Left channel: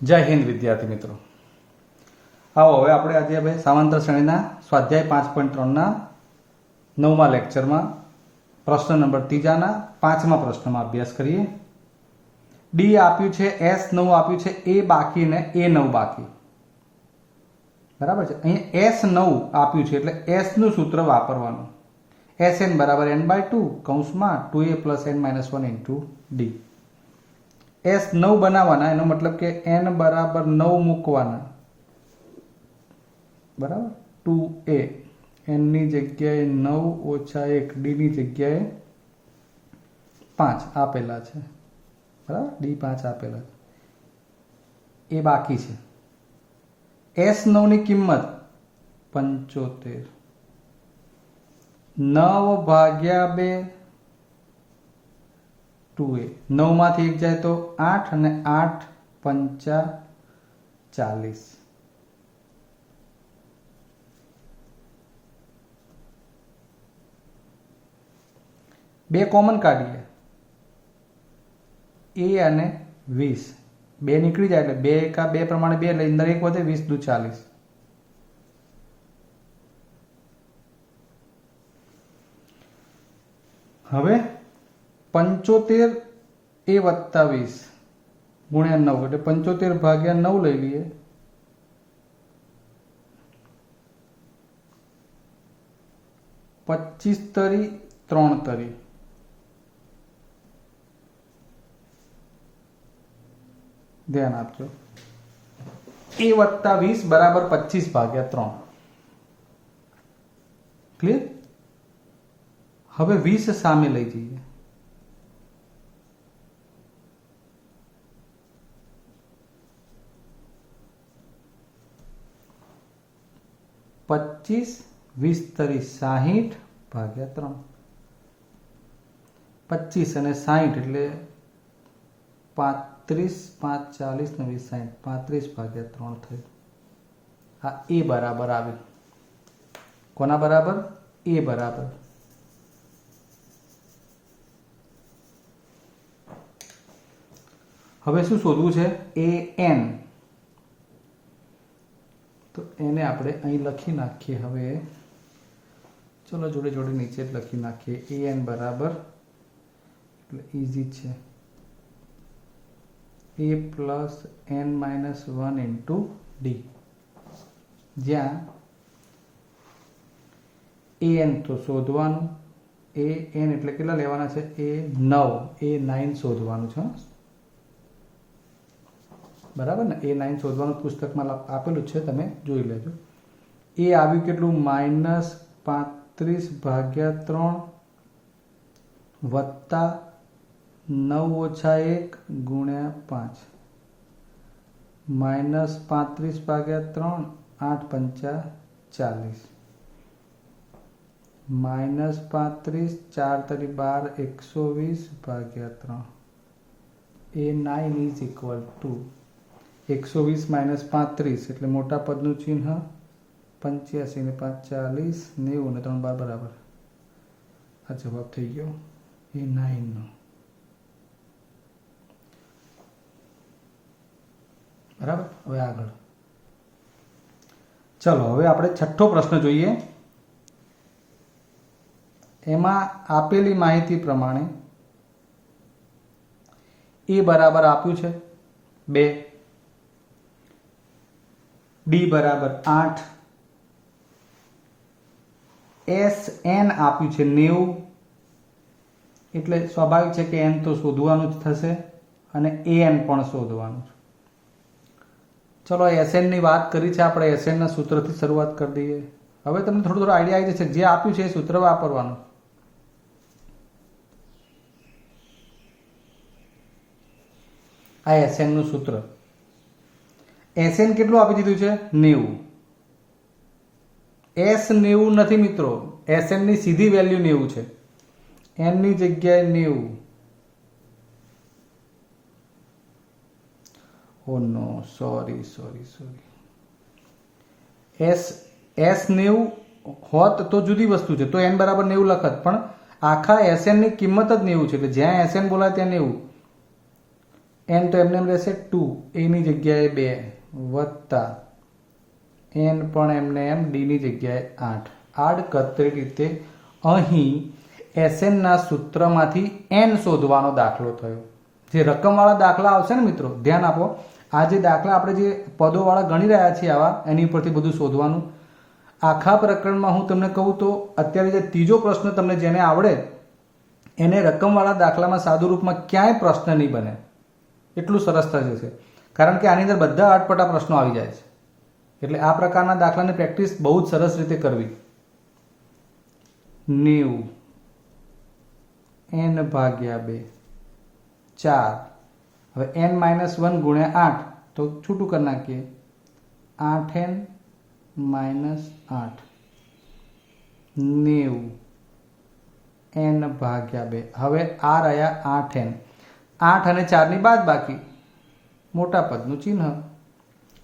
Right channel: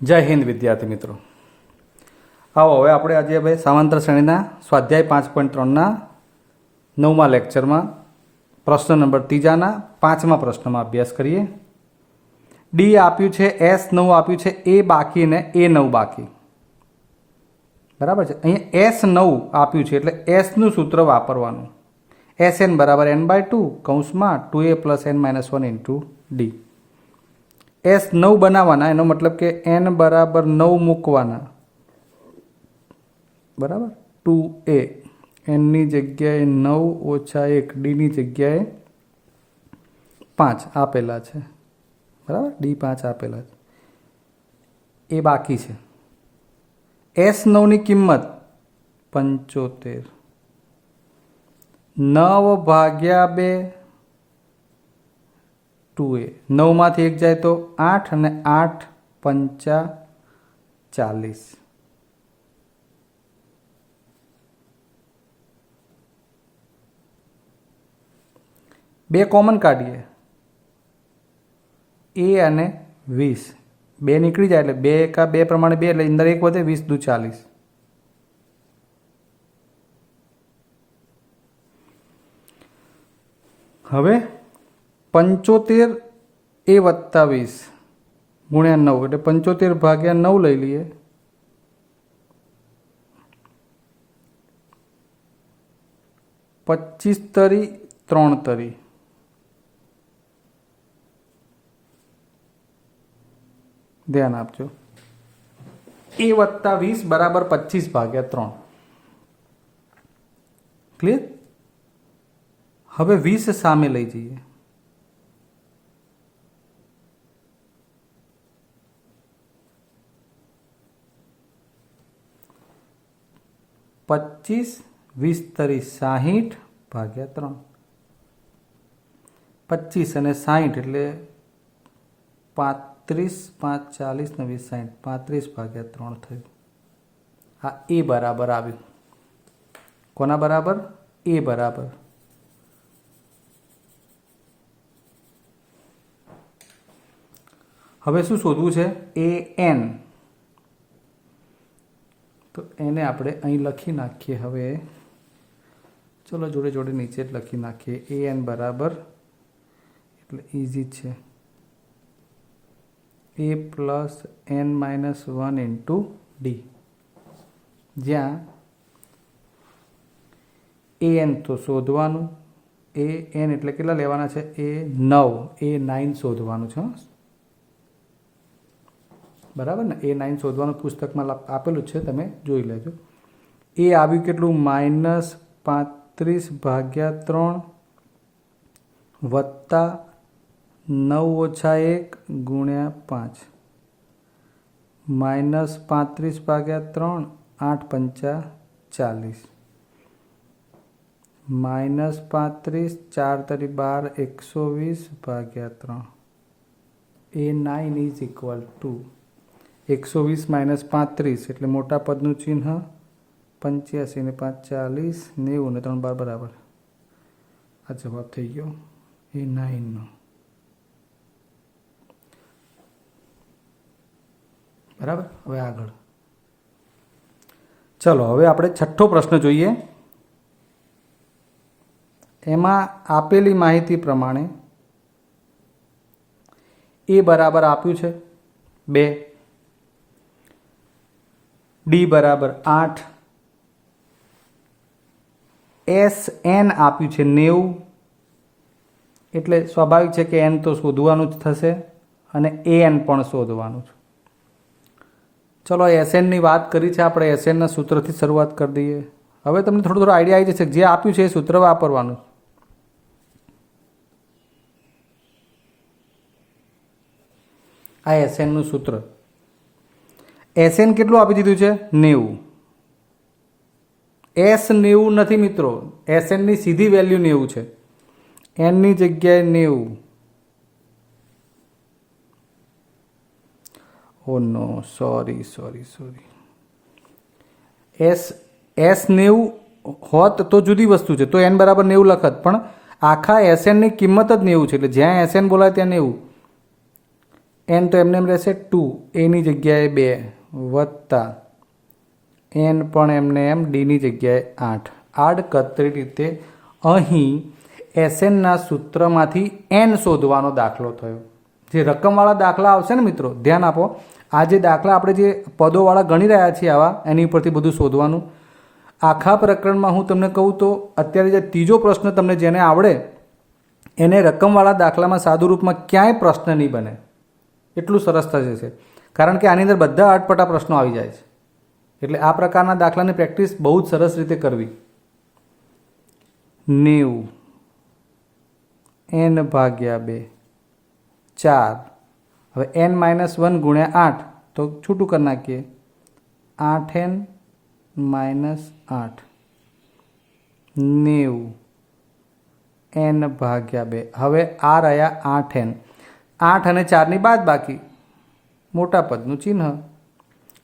જય હિન્દ વિદ્યાર્થી મિત્રો, આવો હવે આપણે આજે હવે સમાંતર શ્રેણીના સ્વાધ્યાય 5.3ના 9મા લેક્ચરમાં પ્રશ્ન નંબર 3ના 5મા પ્રશ્નમાં અભ્યાસ કરીએ. ડી આપ્યું છે, એસ 9 આપ્યું છે, એ બાકી ને એ 9 બાકી. બરાબર છે. અહીંયા એસ 9 આપ્યું છે એટલે એસનું સૂત્ર વાપરવાનું. એસએન બરાબર n/2 કૌંસમાં 2a + n-1 into D. S 9 બનાવવાના, એનો મતલબ કે n બરાબર 9 મૂકવાના. બરાબર, 2a nની જગ્યાએ 9 ઓછા 1 ડીની જગ્યાએ 5 આપેલા છે. બરાબર, ડી 5 આપેલા છે. એ બાકી છે. એસ 9ની કિંમત 75. 9 ભાગ્યા 2 2a. 9 માંથી 1 જાય તો 8 અને 8 પંચા 40. બે કોમન કાઢીએ, એ અને 20. 2 નીકળી જાય એટલે 2 એકા 2 પ્રમાણે 2 એટલે અંદર 1 વધે, 20 દુ 40. હવે 75 એ વત્તા 20 ગુણ્યા 9 એટલે 75 ભાગ્યા 9 લઈ લઈએ. 25 તરી 3 તરી. ધ્યાન આપજો. એ વત્તા 20 બરાબર 25 ભાગ્યા 3. ક્લિયર? હવે 20 સામે લઈ જઈએ. પચીસ 20 તરી 60 ભાગ્યા 3. 25 અને 60 એટલે 35, 5, 40 ને 20, 60, 35 ભાગ્યા 3 થયું. આ એ બરાબર આવ્યું. કોના બરાબર? એ બરાબર. હવે શું શોધવું છે? A N. તો એને આપણે અહીં લખી નાખીએ. હવે ચલો જોડે જોડે નીચે જ લખી નાખીએ. એ એન બરાબર, એટલે ઇઝી છે, a + n-1 ઇન્ટુ ડી. જ્યાં એ એન તો શોધવાનું, એ એન એટલે કેટલા લેવાના છે? એ 9 શોધવાનું છે. બરાબર ને? એ 9 શોધવાનું પુસ્તકમાં આપેલું છે, તમે જોઈ લેજો. એ આવ્યું કેટલું? -35 ભાગ્યા 3 વત્તા 9 ઓછા 1 ગુણ્યા 5. -35 ભાગ્યા 3 8 પંચા 40. -35 4 તરી 12 120 ભાગ્યા 3. એ 9 ઇઝ ઇક્વલ ટુ 120 - 35 એટલે મોટા પદનું ચિહ્ન 85 ને 5 40 90 ને 3 12 બરાબર. આ જવાબ થઈ ગયો એ 9નો. બરાબર. હવે આગળ ચલો, હવે આપણે છઠ્ઠો પ્રશ્ન જોઈએ. એમાં આપેલી માહિતી પ્રમાણે એ બરાબર આપ્યું છે 2, ડી બરાબર 8, એસ એન આપ્યું છે 90. એટલે સ્વાભાવિક છે કે એન તો શોધવાનું જ થશે અને એ એન પણ શોધવાનું છે. ચલો, એસએનની વાત કરી છે આપણે. એસએનના સૂત્રથી શરૂઆત કરી દઈએ. હવે તમને થોડો આઈડિયા આવી જશે. જે આપ્યું છે એ સૂત્ર વાપરવાનું. આ એસએનનું સૂત્ર. એસએન કેટલું આપી દીધું છે? 90. એસ 90 નથી મિત્રો, એસએનની સીધી વેલ્યુ 90 છે. એનની જગ્યાએ 90. ઓ નો, સોરી. એસ 90 હોત તો જુદી વસ્તુ છે, તો એન બરાબર 90 લખત. પણ આખા એસએનની કિંમત જ 90 છે, એટલે જ્યાં એસએન બોલાય ત્યાં 90. એન તો એમને એમ રહેશે 2, એની જગ્યાએ 2 વત્તા એન પણ એમને એમ ડીની જગ્યાએ 8. આડકતરી રીતે અહીં એસએનના સૂત્રમાંથી એન શોધવાનો દાખલો થયો. જે રકમવાળા દાખલા આવશે ને મિત્રો, ધ્યાન આપો, આ જે દાખલા આપણે જે પદોવાળા ગણી રહ્યા છીએ આવા, એની ઉપરથી બધું શોધવાનું. આખા પ્રકરણમાં હું તમને કહું તો અત્યારે જે ત્રીજો પ્રશ્ન તમને જેને આવડે એને રકમવાળા દાખલામાં સાદું રૂપમાં ક્યાંય પ્રશ્ન નહીં બને, એટલું સરસ થશે છે. કારણ કે આની અંદર બધા અટપટા પ્રશ્નો આવી જાય છે. એટલે આ પ્રકારના દાખલાની પ્રેક્ટિસ બહુ જ સરસ રીતે કરવી. 90 n ભાગ્યા 2 4. હવે n-1 ગુણ્યા 8 તો છૂટું કરી નાખીએ, 8n - 8 90 n ભાગ્યા 2. હવે આ રહ્યા 8n, 8 અને 4ની બાદ બાકી મોટા પદનું ચિહ્ન.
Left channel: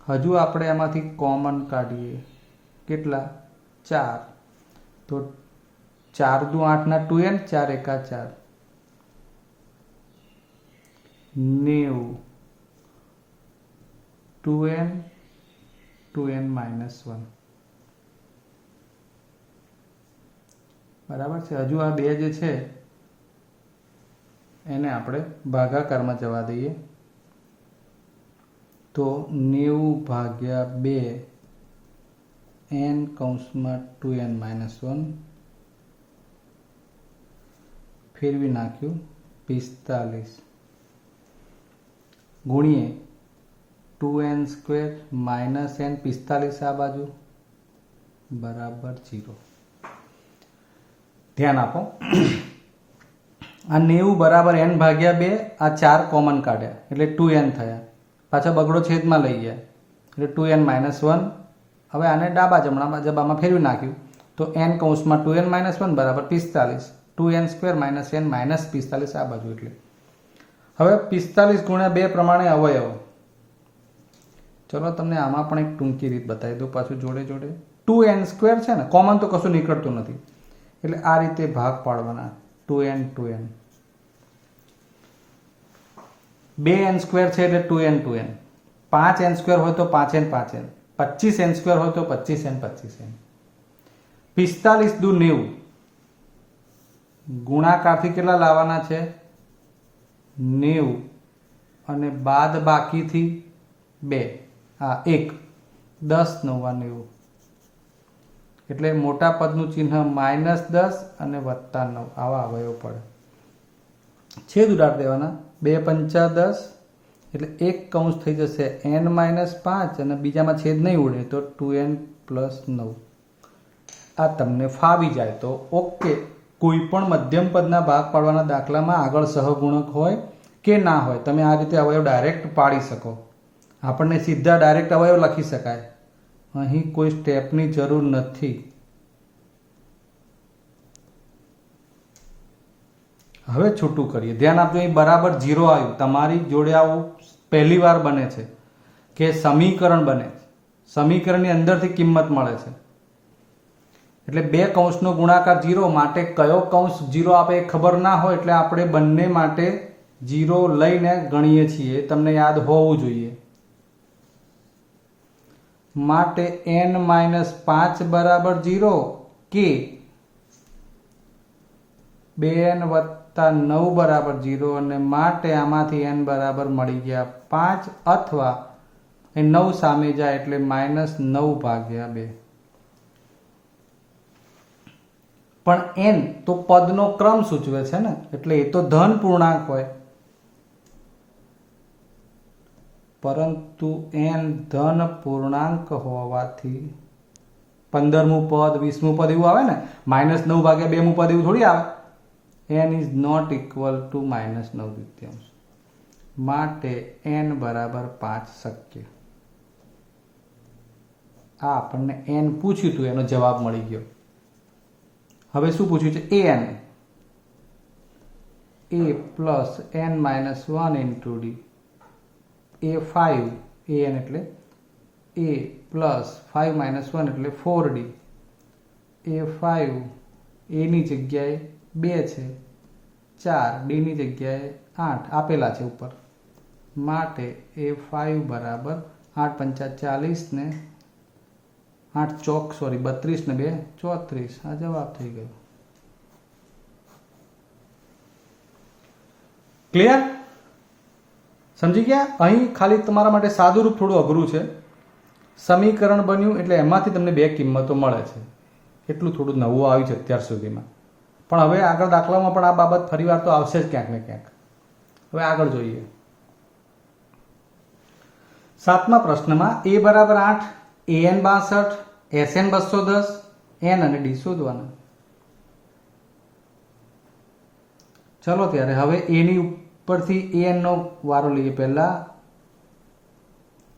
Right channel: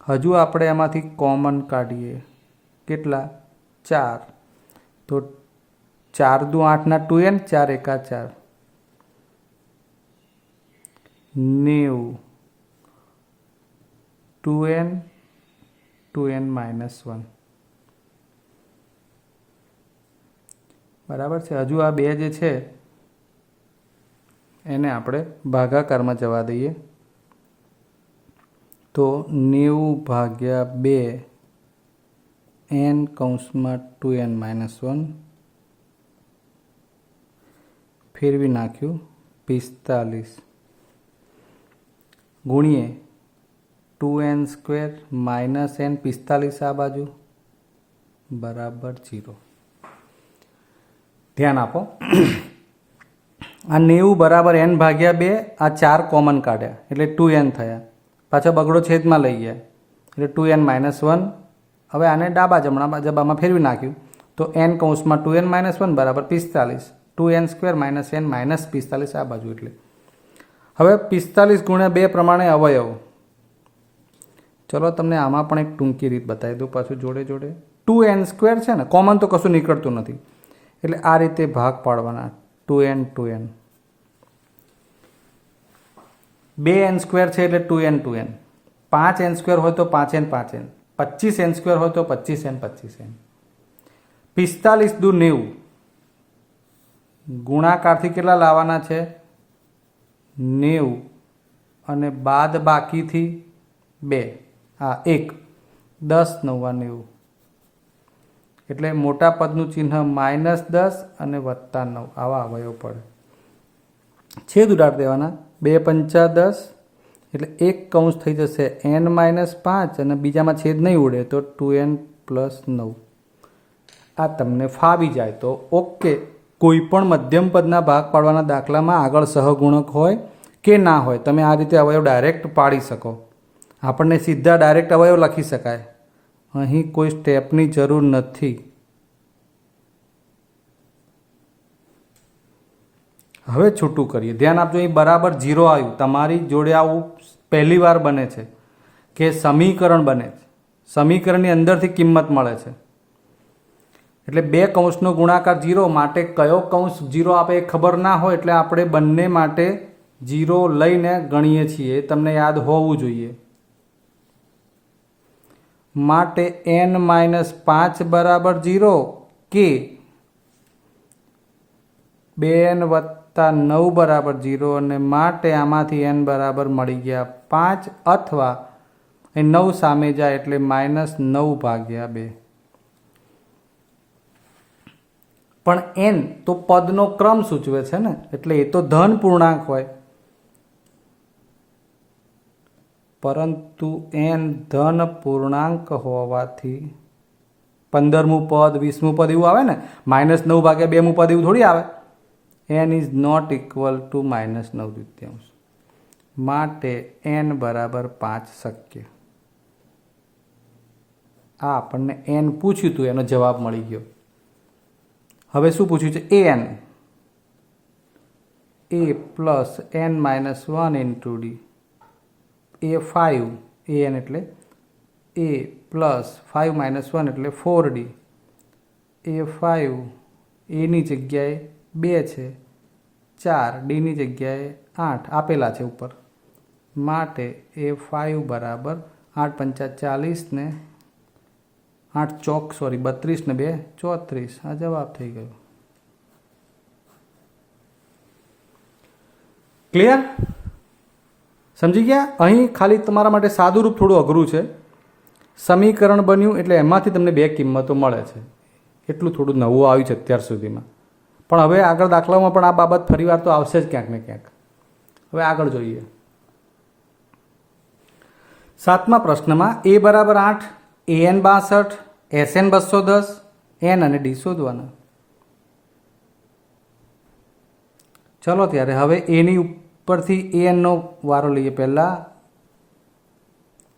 હજુ આપણે એમાંથી કોમન કાઢીએ, કેટલા? 4. તો 4 દુ 8ના 2n, 4 એકા 4, 90 2n, 2n - 1. બરાબર છે. હજુ આ 2 જે છે એને આપણે ભાગાકારમાં જવા દઈએ. તો 90 ભાગ્યા 2 n કૌંસમાં 2n - 1 ફેરવી નાખ્યું, 45 ગુણીએ 2n² - n 45 આ બાજુ બરાબર 0. ધ્યાન આપો, આ 90 બરાબર n ભાગ્યા 2, આ 4 કોમન કાઢ્યા એટલે 2n થયા, પાછા બગડો છેદમાં લઈ ગયા એટલે 2n - 1. હવે આને ડાબા જબામાં ફેરવી નાખ્યું તો n કૌંસમાં 2n - 1 બરાબર 45, 2n² - n -45 આ બાજુ. એટલે હવે 45 ગુણ્યા 2 પ્રમાણે અવયવ. ચલો તમને આમાં પણ એક ટૂંકી રીત બતાવી દઉં પાછું જોડે જોડે. 2n² છે ને, કોમન તો કશું નીકળતું નથી એટલે આ રીતે ભાગ પાડવાના, 2n 2n. 2n² છે એટલે 2n 2n, 5n² હોય તો 5n 5n, 25n² હોય તો 25n 25n. 45 દુ 90, ગુણાકારથી કેટલા લાવવાના છે? 90 અને બાદ બાકીથી 2, હા 1, 10 9 90. એટલે મોટા પદનું ચિહ્ન -10 અને +9 આવા અવયવ પડે. છેદ ઉડાડી દેવાના, 2 પંચા 10 એટલે એક કૌંસ થઈ જશે n - 5 અને બીજામાં છેદ નહીં ઉડે તો 2n + 9. આ તમને ફાવી જાય તો ઓકે. કોઈ પણ મધ્યમ પદના ભાગ પાડવાના દાખલામાં આગળ સહગુણક હોય કે ના હોય, તમે આ રીતે અવયવ ડાયરેક્ટ પાડી શકો. આપણને સીધા ડાયરેક્ટ અવયવ લખી શકાય, અહીં કોઈ સ્ટેપની જરૂર નથી. હવે છૂટું કરીએ, ધ્યાન આપજો, અહીં બરાબર 0 આવ્યું. તમારી જોડે આવું પહેલી વાર બને છે કે સમીકરણ બને છે, સમીકરણની અંદરથી કિંમત મળે છે એટલે 2 કૌંસનો ગુણાકાર 0 માટે કયો કૌંસ 0 આપે એ ખબર ના હોય એટલે આપણે બંને માટે 0 લઈને ગણીએ છીએ, તમને યાદ હોવું જોઈએ. માટે n - 5 બરાબર 0 કે 2n + 9 બરાબર 0 અને માટે આમાંથી n બરાબર મળી ગયા 5 અથવા 9 સામે જાય એટલે -9 ભાગ્યા 2. પણ n તો પદનો ક્રમ સૂચવે છે ને, એટલે એ તો ધન પૂર્ણાંક હોય, પરંતુ n ધન પૂર્ણાંક હોવાથી 15મું પદ 20મું પદ એવું આવે ને, -9 ભાગ્યા 2મું પદ એવું થોડી આવે. n is not equal to -9/3, માટે n બરાબર 5 શક્ય. આ આપણને n પૂછ્યું હતું, એનો જવાબ મળી ગયો. હવે શું પૂછ્યું છે? an a plus n - 1 into D, a5 an એટલે a પ્લસ 5 - 1 એટલે 4d, a5 એની જગ્યાએ 2 છે, 4 ડીની જગ્યાએ 8 આપેલા છે ઉપર, માટે A5 બરાબર 8 પંચા 40 ને 8 ચોક 32 ને 2 34. આ જવાબ થઈ ગયો. ક્લિયર? સમજી ગયા? અહીં ખાલી તમારા માટે સાદું રૂપ થોડું અઘરું છે. સમીકરણ બન્યું એટલે એમાંથી તમને બે કિંમતો મળે છે. એટલું થોડું નવું આવ્યું છે અત્યાર સુધીમાં. પણ હવે આગળ દાખલામાં પણ આ બાબત ફરીવાર તો આવશે જ ક્યાંક ને ક્યાંક. હવે આગળ જોઈએ. 7મા પ્રશ્નમાં A બરાબર 8, AN 62, SN 210, N અને D શોધવાના. ચલો ત્યારે હવે એની ઉપરથી AN નો વારો લઈએ. પહેલા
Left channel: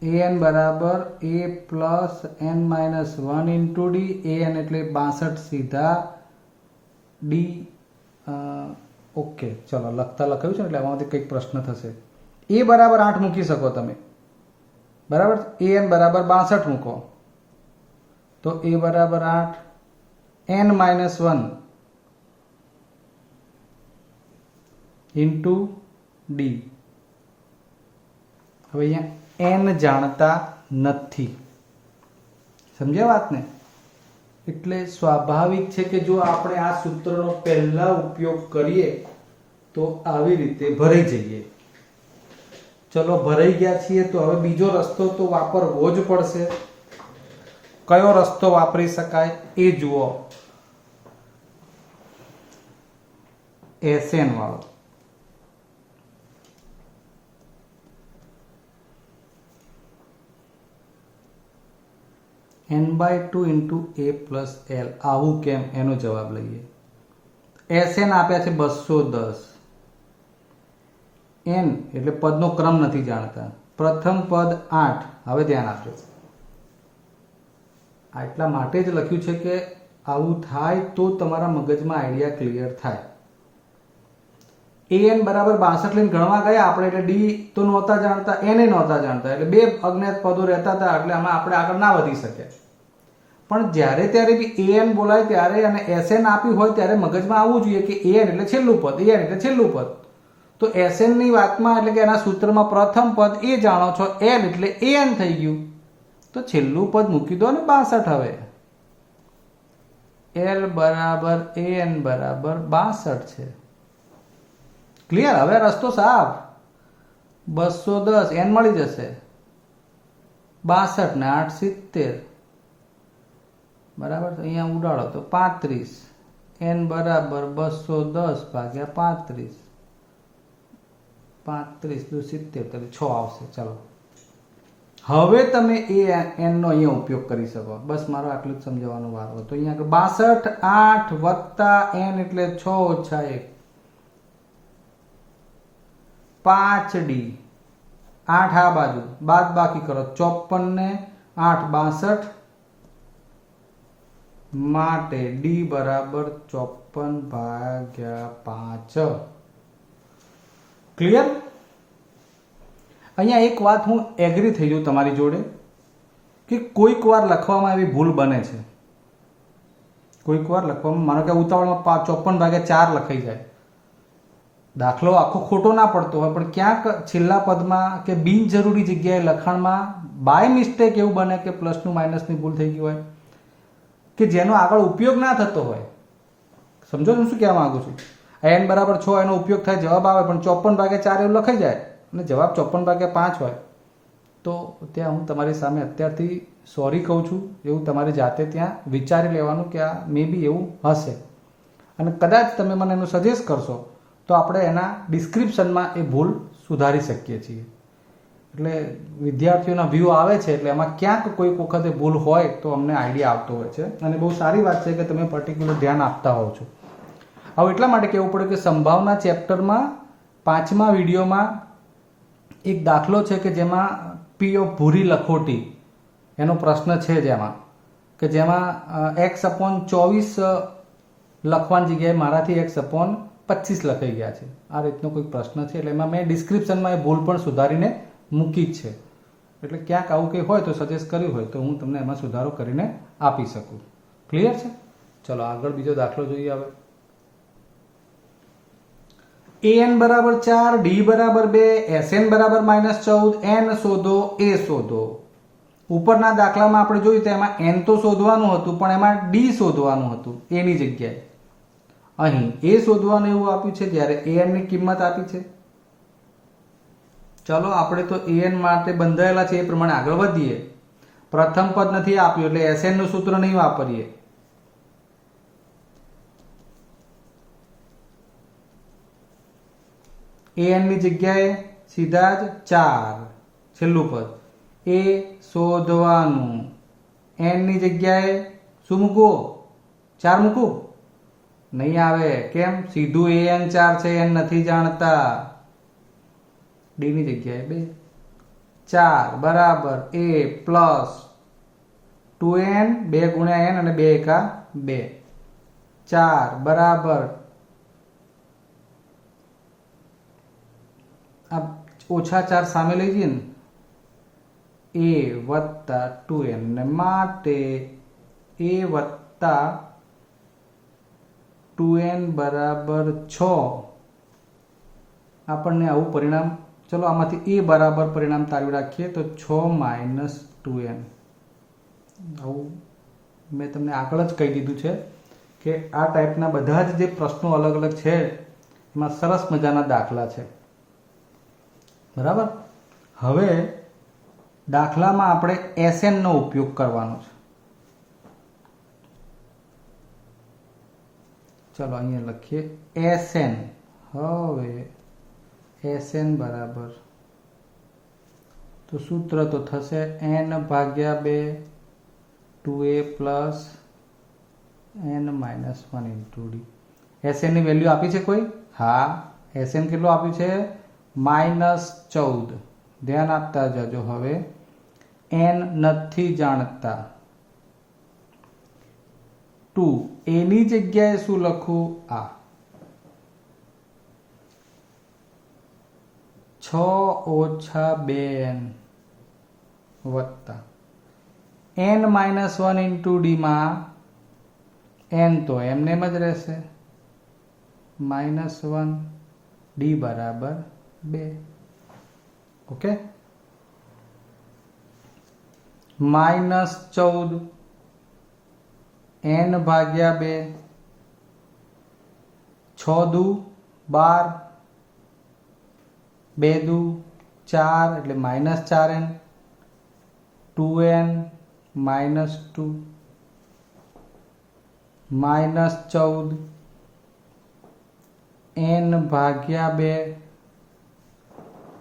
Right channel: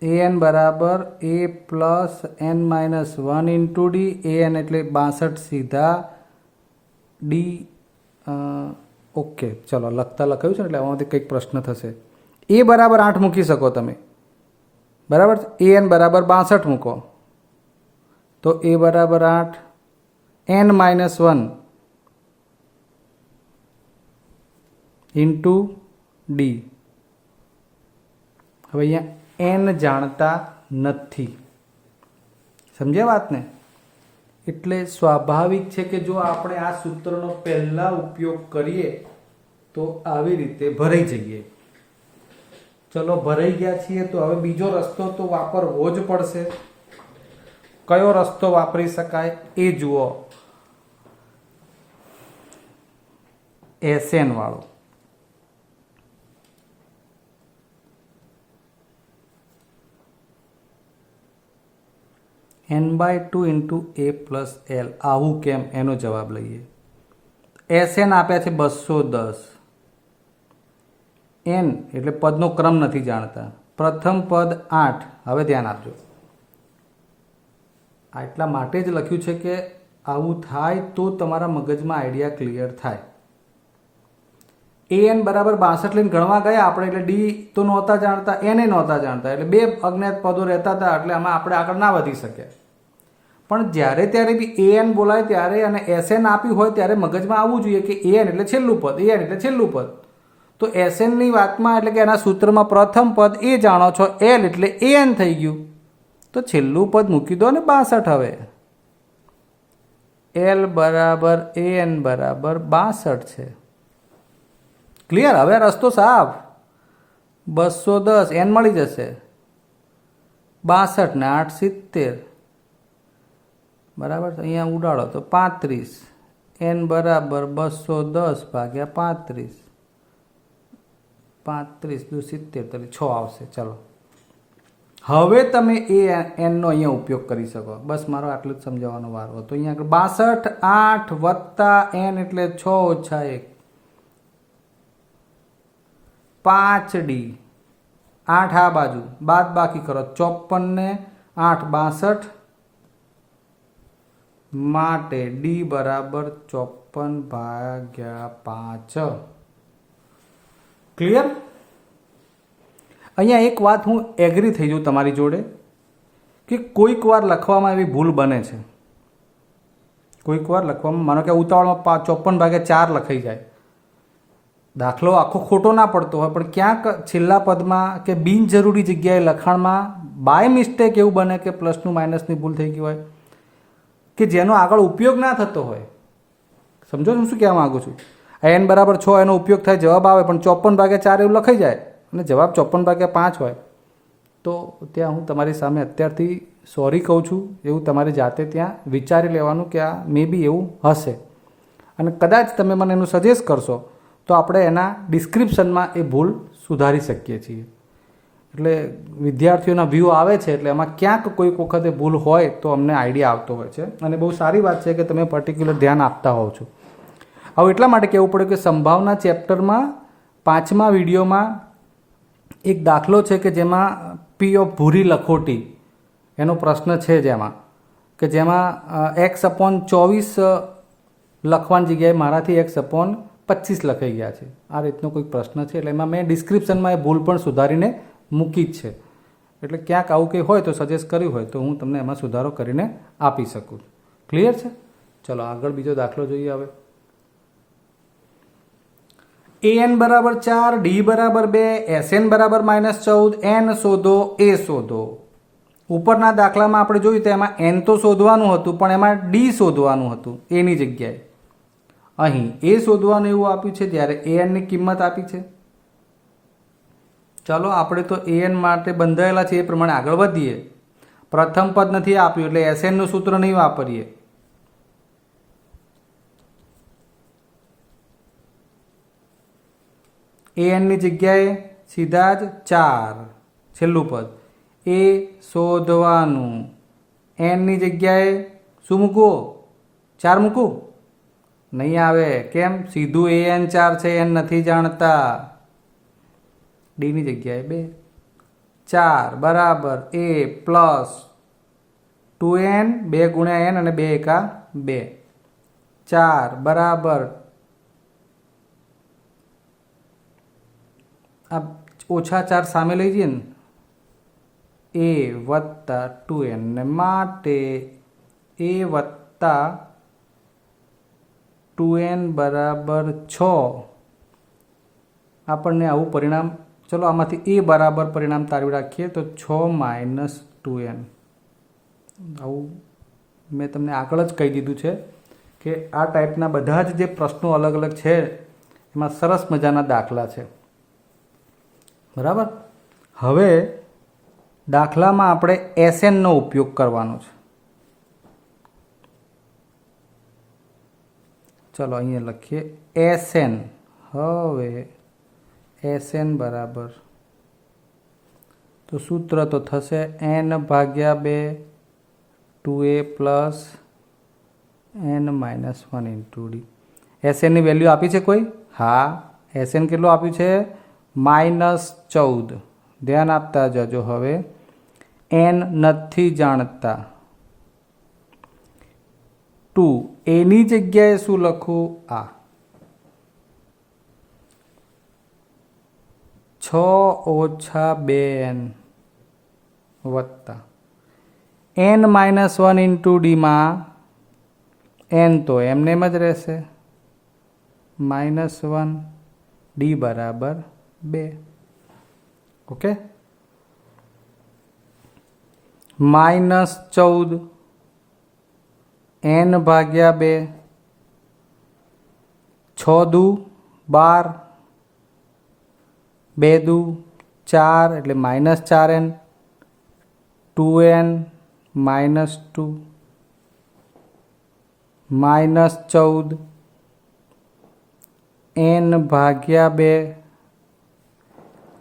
AN બરાબર A plus N minus 1 into D. AN એટલે 62 સીધા D. ઓકે, ચલો લખતા લખાયું છે એટલે આમાંથી કંઈક પ્રશ્ન થશે. A બરાબર 8 મૂકી શકો તમે, બરાબર. AN બરાબર 62 મૂકો તો A બરાબર 8, N માઇનસ 1 ઇન્ટુ D. હવે અહીંયા N જાણતા નથી, સમજ્યા વાતને? એટલે સ્વાભાવિક છે કે જો આપણે આ સૂત્રનો પહેલા ઉપયોગ કરીએ તો આવી રીતે ભરાઈ જઈએ. ચલો ભરાઈ ગયા છીએ તો હવે બીજો રસ્તો તો વાપરવો જ પડશે. કયો રસ્તો વાપરી શકાય એ જુઓ. SN વાળો. n/2 into A plus L. આવું કેમ? એનો જવાબ લઈએ. SN આપ્યા છે 210. N એટલે પદનો ક્રમ નથી જાણતા. પ્રથમ પદ 8. હવે ધ્યાન આપજો, આટલા માટે જ લખ્યું છે કે આવું થાય તો તમારા મગજમાં આઈડિયા ક્લિયર થાય. AN બરાબર 62 લઈને ગણવા ગયા આપણે એટલે D તો નહોતા જાણતા, N નહોતા જાણતા, એટલે બે અજ્ઞાત પદો રહેતા હતા એટલે આમાં આપણે આગળ ના વધી શકે. પણ જ્યારે ત્યારે બી AN બોલાય ત્યારે અને SN આપ્યું હોય ત્યારે મગજમાં આવવું જોઈએ કે AN એટલે છેલ્લું પદ, AN એટલે છેલ્લું પદ. તો SN ની વાતમાં એટલે કે એના સૂત્રમાં પ્રથમ પદ એ જાણો છો, L એટલે AN થઈ ગયું. તો છેલ્લું પદ મૂકી દો ને 62. હવે L બરાબર AN બરાબર 62 છે. ક્લિયર? હવે રસ્તો સાફ. 210 N મળી જશે, 62 ને 8 70, બરાબર. અહીંયા ઉડાડો તો 35. N બરાબર 210 ભાગ્યા 35. 35 દુ 70 6 આવશે. ચલો હવે તમે N નો અહીંયા ઉપયોગ કરી શકો. બસ મારો આટલું જ સમજાવવાનો વાર હતો. અહીંયા 62 8 વત્તા N એટલે 6 ઓછા 1 5D. 8 આ બાજુ બાદ બાકી કરો 54 ને 8 62 માટે D બરાબર 54/5. ક્લિયર? અહીંયા એક વાત હું એગ્રી થઈ જાઉં તમારી જોડે કે કોઈક વાર લખવામાં એવી ભૂલ બને છે. કોઈક વાર લખવામાં માનો કે ઉતાવળમાં 54/4 લખાઈ જાય. દાખલો આખો ખોટો ના પડતો હોય પણ ક્યાંક છેલ્લા પદમાં કે બિનજરૂરી જગ્યાએ લખાણમાં બાય મિસ્ટેક એવું બને કે પ્લસનું માઇનસની ભૂલ થઈ ગઈ હોય કે જેનો આગળ ઉપયોગ ના થતો હોય. સમજો હું શું કહેવા માંગુ છું? N બરાબર 6 એનો ઉપયોગ થાય, જવાબ આવે, પણ 54/4 એવું લખાઈ જાય અને જવાબ 54/5 હોય તો ત્યાં હું તમારી સામે અત્યારથી સોરી કહું છું. એવું તમારે જાતે ત્યાં વિચારી લેવાનું કે આ મે બી એવું હશે. અને કદાચ તમે મને એનું સજેસ્ટ કરશો તો આપણે એના ડિસ્ક્રિપ્શનમાં એ ભૂલ સુધારી શકીએ છીએ. એટલે વિદ્યાર્થીઓના વ્યૂ આવે છે એટલે એમાં ક્યાંક કોઈક વખતે ભૂલ હોય તો અમને આઈડિયા આવતો હોય છે અને બહુ સારી વાત છે કે તમે પર્ટિક્યુલર ધ્યાન આપતા હોવ છો. હવે એટલા માટે કહેવું પડે કે સંભાવના ચેપ્ટરમાં 5મા વિડીયોમાં એક દાખલો છે કે જેમાં P ઓફ ભૂરી લખોટી એનો પ્રશ્ન છે જેમાં x/24 લખવાની જગ્યાએ મારાથી x/25 લખાઈ ગયા છે. આ રીતનો કોઈ પ્રશ્ન છે એટલે એમાં મેં ડિસ્ક્રિપ્શનમાં એ ભૂલ પણ સુધારીને મૂકી જ છે. એટલે ક્યાંક આવું કંઈ હોય તો સજેસ્ટ કર્યું હોય તો હું તમને એમાં સુધારો કરીને આપી શકું. ક્લિયર છે? ચલો આગળ બીજો દાખલો જોઈએ. હવે an બરાબર 4, d બરાબર 2, sn બરાબર -14, n શોધો, a શોધો. ઉપરના દાખલામાં આપણે જોયું તો એમાં n તો શોધવાનું હતું પણ એમાં d શોધવાનું હતું એની જગ્યાએ. અહીં a શોધવાનું એવું આપ્યું છે જ્યારે an ની કિંમત આપી છે. ચાલો આપણે તો an માટે બંધાયેલા છે એ પ્રમાણે આગળ વધીએ. પ્રથમ પદ નથી આપ્યું એટલે sn નું સૂત્ર નહીં વાપરીએ. an ની જગ્યાએ સીધા જ 4 છેલ્લું પદ એ શોધવાનું. n ની જગ્યાએ શું મૂકવું? 4 મૂકવું? નહીં આવે. કેમ? સીધું an 4 છે, n નથી જાણતા. d ની જગ્યાએ 2. 4 બરાબર a પ્લસ 2n, 2 ગુણ્યા n અને 2 એકા 2. 4 બરાબર આ ઓછા 4 સામે લઈ જઈએ ને, a વત્તા 2n ને માટે a વત્તા 2n બરાબર 6. આપણને આવું પરિણામ, ચલો આમાંથી a બરાબર પરિણામ તારવી રાખીએ તો 6 માઇનસ 2n. આવું મેં તમને આગળ જ કહી દીધું છે કે આ ટાઈપના બધા જ જે પ્રશ્નો અલગ અલગ છે એમાં સરસ મજાના દાખલા છે. બરાબર. હવે દાખલામાં આપણે SN નો ઉપયોગ કરવાનો છે. ચલો અહીંયા લખીએ SN. હવે SN બરાબર તો સૂત્ર તો થશે n ભાગ્યા 2 2a plus n minus 1 into d. SN ની વેલ્યુ આપી છે કોઈ? હા. SN કેટલું આપ્યું છે? -14. ધ્યાન આપતા જજો. હવે n નથી જાણતા. 2 એની જગ્યાએ શું લખું? આ 6 ઓછા 2n વત્તા n માઇનસ 1 ઇન્ટુ ડીમાં n તો એમને એમ જ રહેશે, -1 d બરાબર 2. ઓકે. -14 n ભાગ્યા 2, 6 દુ 12, 2 દુ 4 એટલે -4n, 2n -2 -14 n ભાગ્યા 2.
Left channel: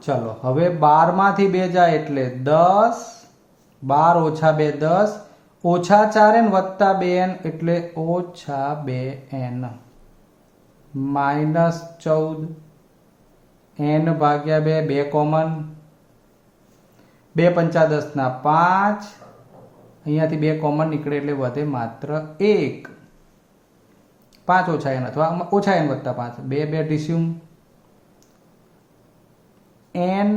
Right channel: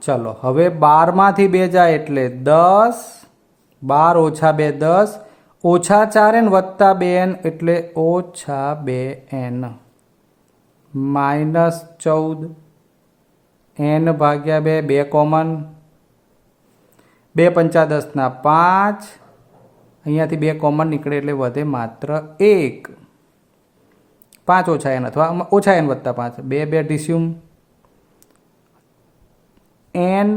ચલો હવે 12 માંથી 2 જાય એટલે 10, 12 ઓછા 2 10, ઓછા 4n વત્તા 2n એટલે ઓછા 2n, -14 n ભાગ્યા 2, 2 કોમન, 2 પંચા 10 ના 5, અહીંયાથી 2 કોમન નીકળે એટલે વધે માત્ર 1. 5 ઓછા n અથવા ઓછા n વત્તા 5, 2 2 ડીસ્યુમ n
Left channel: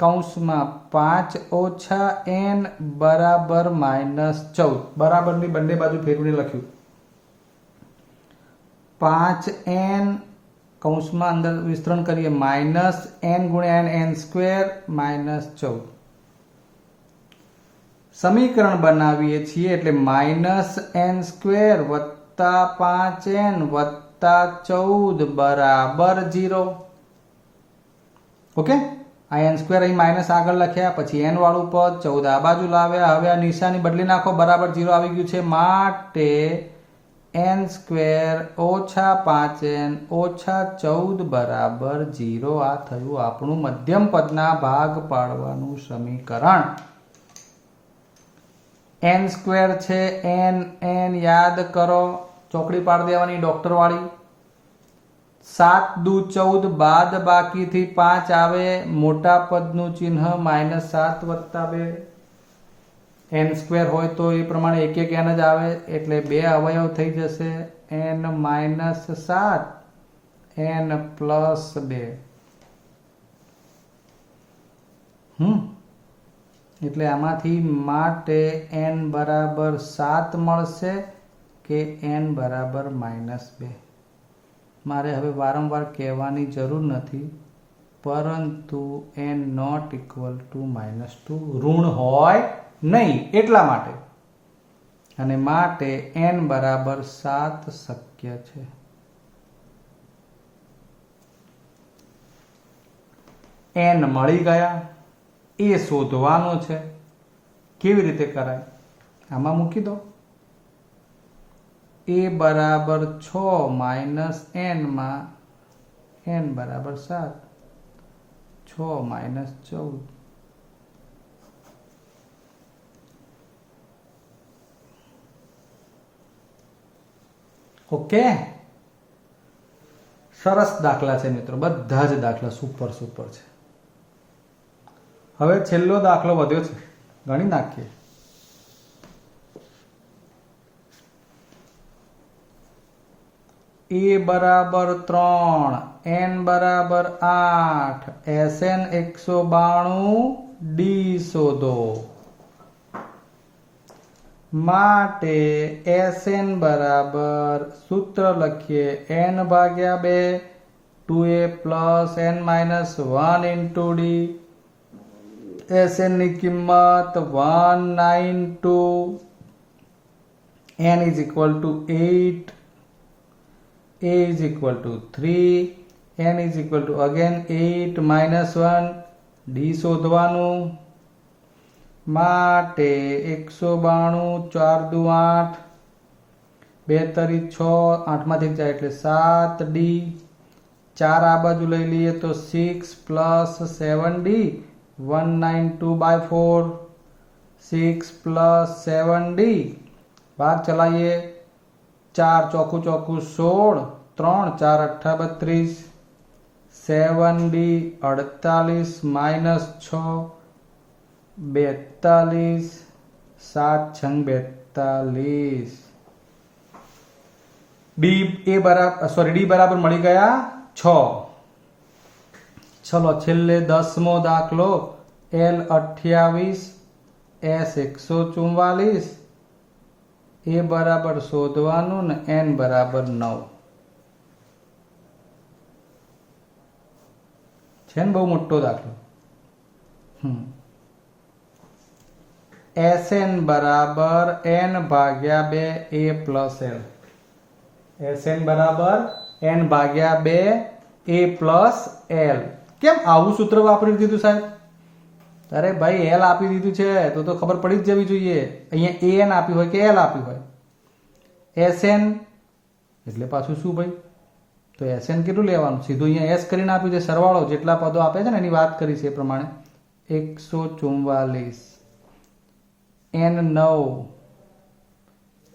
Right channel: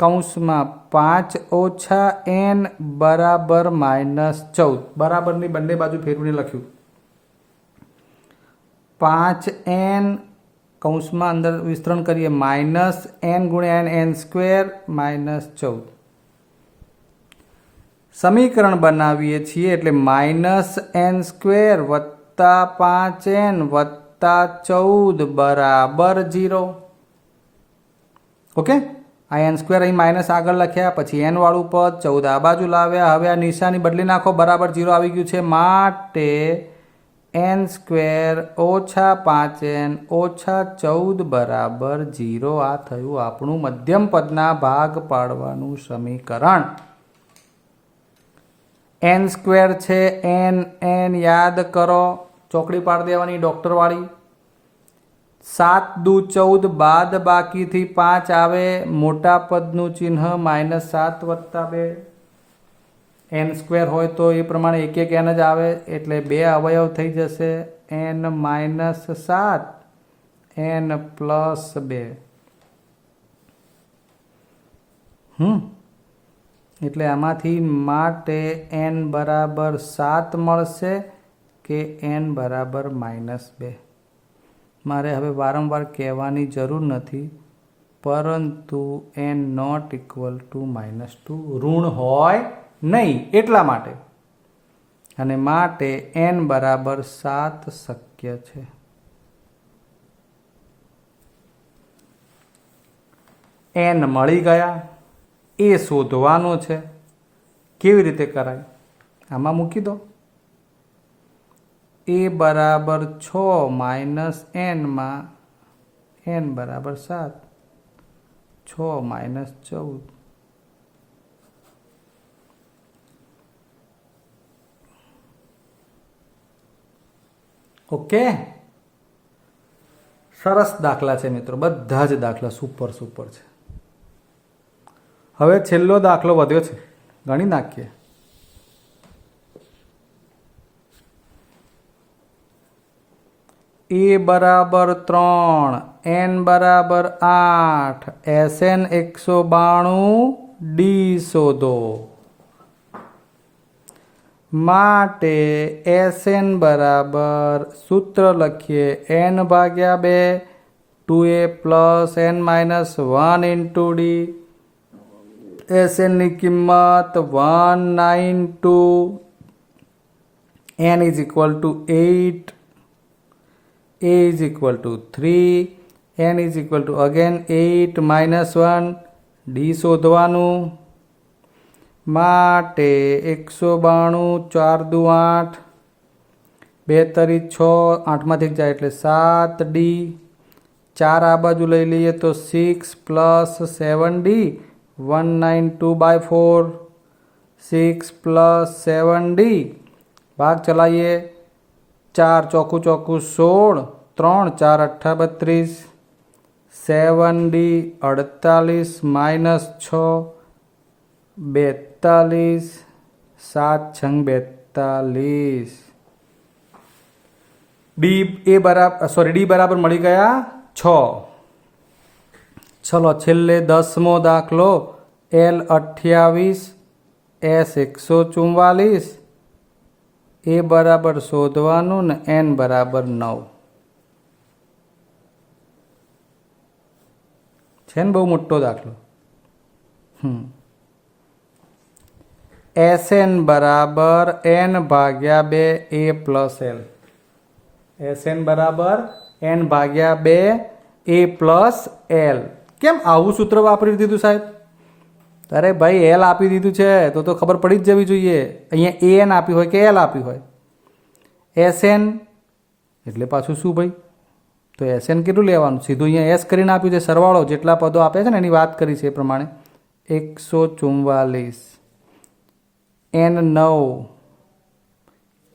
કૌંસમાં 5 ઓછા n બરાબર -14. બરાબરની બંને બાજુ ફેરવીને લખ્યું. 5n કૌંસમાં અંદર વિસ્તરણ કરીએ -n ગુણ્યા n સ્ક્વેર -14. સમીકરણ બનાવીએ છીએ એટલે -n સ્ક્વેર વત્તા 5n વત્તા 14 બરાબર 0. ઓકે. આ n સ્ક્વેર અહીં માઇનસ આગળ લખ્યા, પછી n વાળું પદ 14 આ બાજુ લાવ્યા. હવે આ નિશાની બદલી નાખો, બરાબર 0 આવી ગયું છે. માટે n સ્ક્વેર ઓછા 5n ઓછા 14 બરાબર 0. આ થયું આપણું મધ્યમ પદના ભાગ પાડવાનું સમીકરણ. n સ્ક્વેર છે, n યાદ કરો, ચોકડી પાડી દેવાની ડોક્ટર વાળી. 7 દુ 14, બાદ બાકીથી 5 આવે, મોટા પદનું ચિહ્ન -7 વત્તા 2. n સ્ક્વેર હોય તો એ પ્રમાણે એક એક n જ આવે એટલે 2 અવયવ થઈ જશે, n -7 n પ્લસ 2. એટલે આમાંથી માટે n બરાબર 7 મળશે કે n બરાબર -2. મારે હવે વારંવાર કહેવાની જરૂર નથી, પરંતુ n નોટ ઇક્વલ ટુ -2 ઋણ હોય નહીં એટલા માટે, અને માટે n બરાબર 7 શક્ય છે. n મળી ગયા, એ શોધવાનો છે. કેવી રીતે કરાય? આમાં મૂકી દો. a બરાબર 6 માઇનસ n માં n બરાબર 7, 6 માઇનસ 14. ઓકે, સરસ દાખલા છે મિત્રો, બધા જ દાખલા સુપર છે. હવે છેલ્લો દાખલો વધ્યો છે, ગણી નાખીએ. a બરાબર 3, n બરાબર 8, SN 192, d શોધો. માટે SN બરાબર સૂત્ર લખીએ n ભાગ્યા 2, 2a plus n minus 1 into d. SN ની કિંમત 192, n is equal to 8, a is equal to 3, n is equal to again 8 minus 1, d શોધવાનું. માટે 192, 4 દુ 8, 2 તરી 6, 8 માંથી જાય એટલે 7d, 4 આ બાજુ લઈ લઈએ તો 6 પ્લસ 7d, 192/4, 6 પ્લસ 7d, ભાગ ચલાવીએ. 4 ચોકુ 16, 3 4 8 32, 7d 48 માઇનસ 6 42, 7 6 42. d બરાબર મળી ગયા 6. ચલો છેલ્લે 10મો દાખલો. l 28, s 144, a બરાબર શોધવાનું ને n બરાબર 9. છે ને બહુ મોટો દાખલો. SN બરાબર n ભાગ્યા 2 a પ્લસ l. SN બરાબર n ભાગ્યા 2 a પ્લસ l. કેમ આવું સૂત્ર વાપરી દીધું સાહેબ? અરે ભાઈ એલ આપી દીધું છે તો ખબર પડી જ જવી જોઈએ. અહીંયા an આપ્યું હોય કે એલ આપ્યું હોય. SN એટલે પાછું શું ભાઈ? તો SN કેટલું લેવાનું? સીધું અહીંયા S કરીને આપ્યું છે, સરવાળો જેટલા પદો આપે છે ને એની વાત કરી છે એ પ્રમાણે. 144, n 9,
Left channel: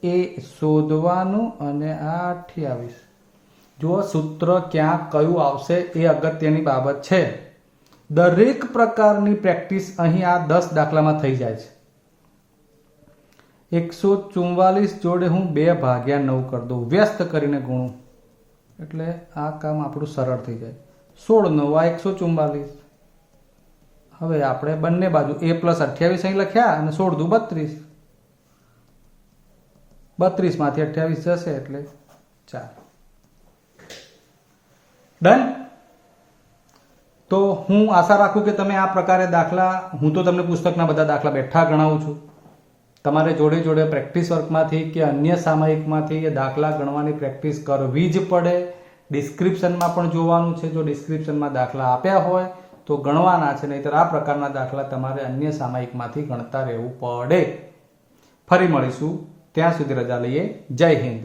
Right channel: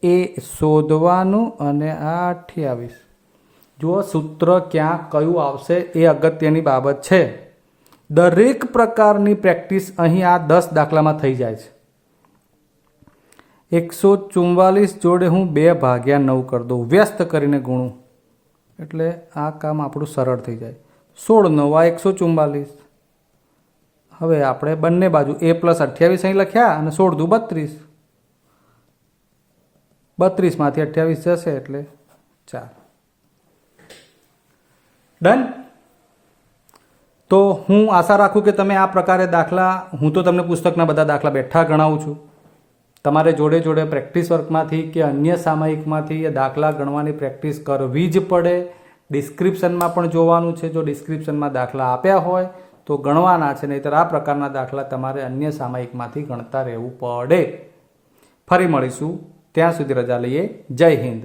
એ શોધવાનું, અને આ 28. જો સૂત્ર ક્યાં કયું આવશે એ અગત્યની બાબત છે. દરેક પ્રકારની પ્રેક્ટિસ અહીં આ 10 દાખલામાં થઈ જાય છે. 144 જોડે હું 2 ભાગ્યા 9 કરી દઉં, વ્યસ્ત કરીને ગુણું, એટલે આ કામ આપણું સરળ થઈ જાય. 16 9 આ 144. હવે આપણે બંને બાજુ a પ્લસ 28 અહીં લખ્યા, અને 16 દુ 32. 32 માંથી 28 જશે એટલે 4. ડન. તો હું આશા રાખું કે તમે આ પ્રકારે દાખલા, હું તો તમને પુસ્તકના બધા દાખલા બેઠા ગણાવું છું. તમારે જોડે જોડે પ્રેક્ટિસ વર્કમાંથી કે અન્ય સામયિકમાંથી એ દાખલા ગણવાની પ્રેક્ટિસ કરવી જ પડે. ડિસ્ક્રિપ્શનમાં પણ જોવાનું છે. જો ડિસ્ક્રિપ્શનમાં દાખલા આપ્યા હોય તો ગણવાના છે, નહીંતર આ પ્રકારના દાખલા તમારે અન્ય સામયિકમાંથી ગણતા રહેવું પડે. ફરી મળીશું, ત્યાં સુધી રજા લઈએ. જય હિન્દ.